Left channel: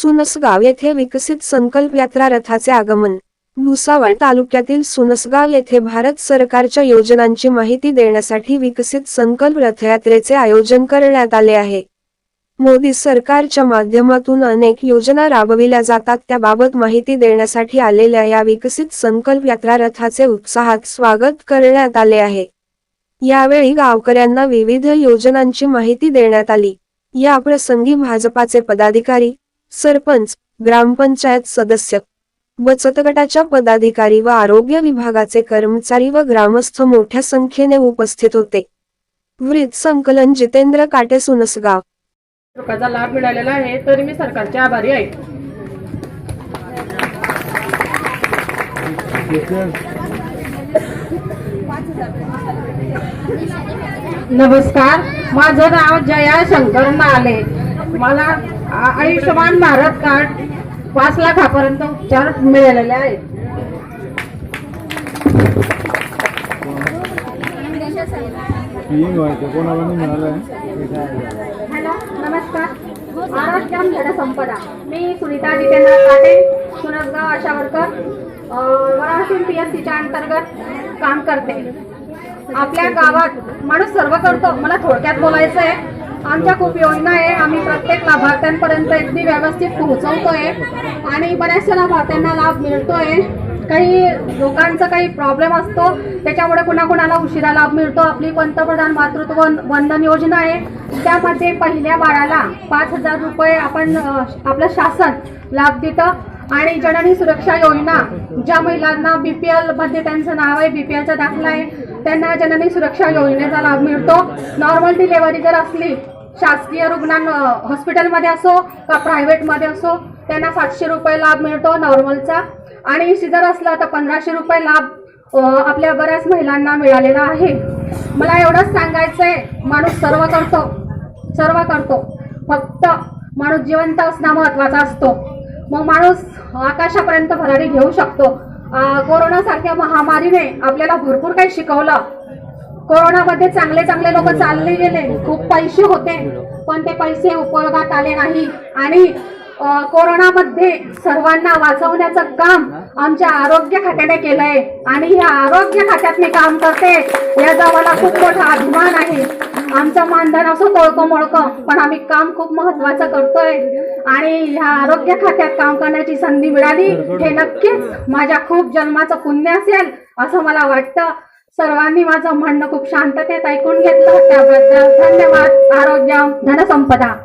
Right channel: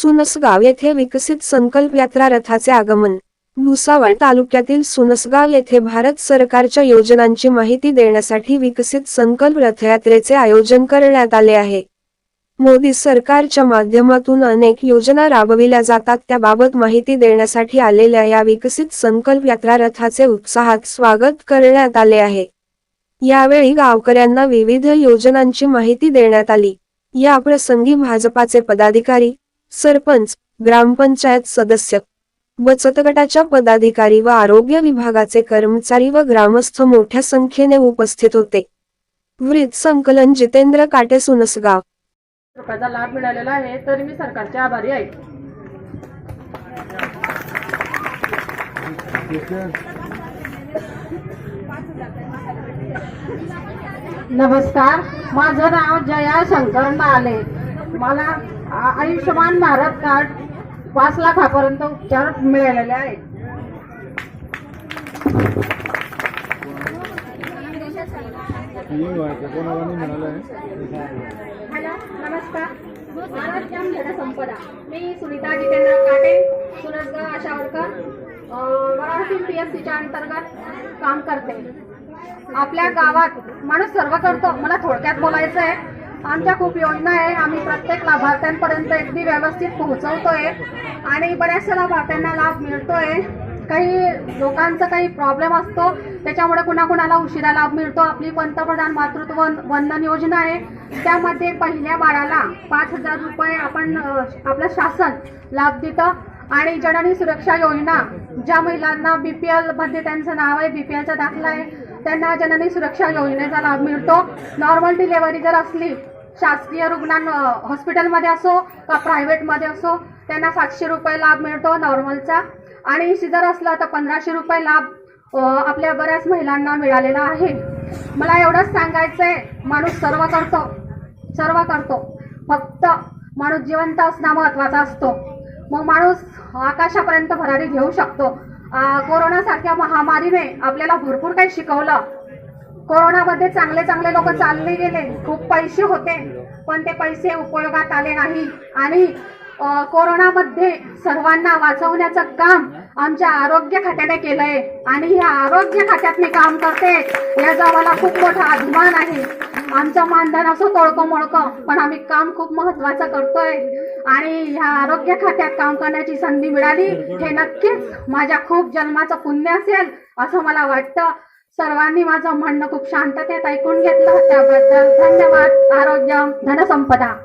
सुनसगाव येथे विकसित संकल्प यात्रा रथाचे आगमन. भुसावळ तालुक्यातील सुनसगाव येथे भारत सरकारच्या योजनांची माहिती देण्यासाठी विकसित संकल्प रथयात्रेचे आयोजन करण्यात आले आहे. मोदी सरकारच्या माध्यमातून अनेक योजना राबविल्या जातात त्याबाबत माहिती देण्यासाठी आलेल्या या विकसित संकल्प यात्रा रथाचे उत्साहात स्वागत करण्यात आले आहे. यावेळी गावकऱ्यांना विविध योजनांची माहिती देण्यात आली. या प्रसंगी भाजपाचे पदाधिकारी सरपंच ग्रामपंचायत सदस्य बचत गटाच्या पदाधिकारी व आरोग्य विभागाचे कर्मचारी व ग्रामस्थ मोठ्या संख्येने उपस्थित होते. वृत्त संकलन जितेंद्र काटे सुनसगाव. लाभ मिळालेला आहे तर मी सरकारचे आभारी आहे. नमस्कार माझं नाव जया शंकर नाले. मला आयुष्यमान भारत कार्ड पाच लाखापर्यंत उपचार मिळालेले आहेत. हॅलो नमस्कार. आरोग्यम जनसंपदा. मी Sunita Jitendra Kate Sursgaon ASHA worker P S सीच्या अंतर्गत काम करते. आपल्या गावात माणूस सर्व करतो. मला थोडक्यात बोलायचं आहे आमच्या खूप योजना आहे. आम्ही प्रत्येक लाभार्थ्यांपर्यंत अगदी व्यवस्थित पोहोचवतोय आणि बऱ्याचशा लाभार्थ्यांना लाभ मिळतोय. काही लोकांचा काही प्रॉब्लेम असतो त्याच्यामुळे कुणाकुणाला उशिरा लाभ मिळतो. आपली पंतप्रधान मातृत्व वंदन योजना आहे. त्यामध्ये पहिल्या बाळाला पाच हजार रुपये आपण आपलं शासन लाभ देतं. आणि जननी सुरक्षा योजना ज्या महिलांना बी पी एलमध्ये त्यांचं नाव आहे बी पी एलचा दाखला आहे त्यांना जननी सुरक्षा योजनेचा लाभ मिळतो. नॉर्मल डिलेवरी जर असली शासकीय रुग्णां हॉस्पिटलमध्ये असो का प्रायव्हेटमध्ये असो त्यांना सातशे रुपये लाभ मिळतो नॉर्मलचा आणि सिजर असला तर पंधराशे रुपये लाभ आपल्या बऱ्याच महिलांना मिळालेला आहे. मला एवढंच सांगायचं आहे माणूस सर्व करतो सर्व करतो. फक्त माणूस जिवंत असणं महत्त्वाचा असतो. मग माणूस आकाशापर्यंत भरारी घेऊ शकतो. कोरोनासारख्या महामारीने आपल्याला भरपूर काही शिकवलं. कोरोनामध्ये चांगले चांगले लोक चालले गेले. खूप पैसे होते पण ते पैसे उपयोगात आले नाही. आणि कोरोनामध्ये सर्वांना वाचवण्याचं काम आमच्या आरोग्य खात्याने केलंय. आणि या आरोग्य खात्यात मी काम करते याचा मला खूप मोठा अभिमान आहे. आमचं मानधन असो कोळकं मोळकं पण आम्ही काम खूप महत्वाचं करतोय. आणि ह्या आरोग्य खात्यात काम करण्याची संधी मिळाली हे नक्कीच माझ्या खूप जन्माचं पुण्य असेल असं मला वाटतं. सर्वांनी माझं म्हणणं खूप शांततेत ऐकून घेतलं. त्याबद्दल धन्यवाद. आरोग्य धनसंपदा.